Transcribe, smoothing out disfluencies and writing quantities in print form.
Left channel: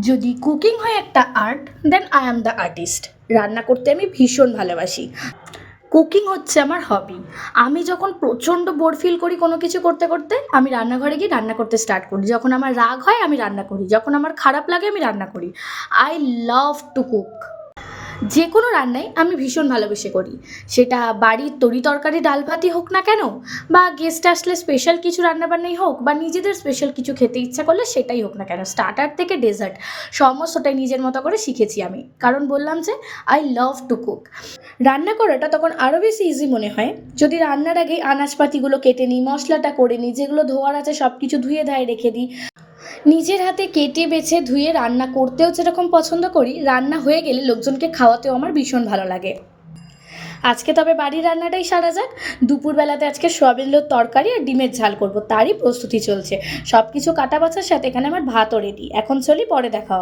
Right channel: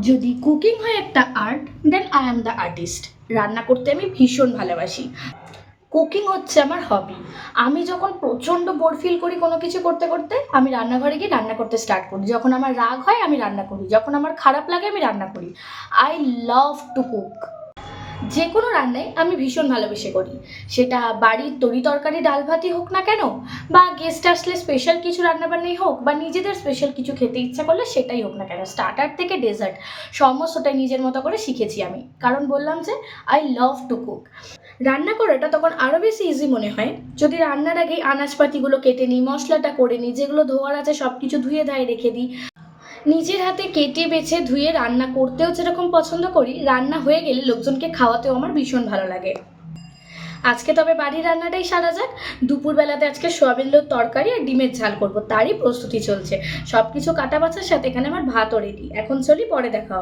যদি কুকিং হয় একটা art, then I am the artist. রান্না করতে আমি ভীষণ ভালোবাসি। কুকিং হচ্ছে আমার হবি। আমি যখন প্রচণ্ড বোর ফিল করি কোনো কিছু করতে করতে, আমি রান্নাঘরে গিয়ে রান্না করতে স্টার্ট করি। যখন আমার রাগ হয় আমি রান্না করি, যখন আমার খারাপ লাগে আমি রান্না করি। I love to cook. যে কোনো রান্নাই আমি ভীষণ ভালোবেসে করি। সেটা বাড়ির তরি তরকারি ডাল ভাতই হোক না কেন, বা গেস্ট আসলে স্পেশাল কিছু রান্নাবান্নাই হোক, বা নিজেদের স্পেশাল কিছু খেতে ইচ্ছা করলে সেটাই হোক না কেন, স্টার্টার থেকে ডেজার্ট সমস্তটাই নিজের মতো করে শিখেছি আমি। কারণ বললাম যে আই লাভ টু কুক। রান্না করাটা তখন আরও বেশি ইজি মনে হয় যদি রান্নার আগেই আনাজপাতিগুলো কেটে নিই, মশলাটা করে নিই, যেগুলো ধোয়ার আছে সব কিছু ধুয়ে ধায়ে রেখে দিই। নিজের হাতে কেটে বেছে ধুয়ে রান্না করতেও যেরকম পছন্দ করি, রান্না হয়ে গেলে লোকজনকে খাওয়াতেও আমার ভীষণ ভালো লাগে। আজকে তবে বাড়ির রান্নাটাই সারা যাক। দুপুরবেলাতে আজকে সয়াবিনের তরকারি আর ডিমের ঝাল করব, তারই প্রস্তুতি চলছে। সব কিছু কাটা বাছার সাথে এখানে আমার ভাতও রেডি। এখন চলি, পরে দেখা হবে।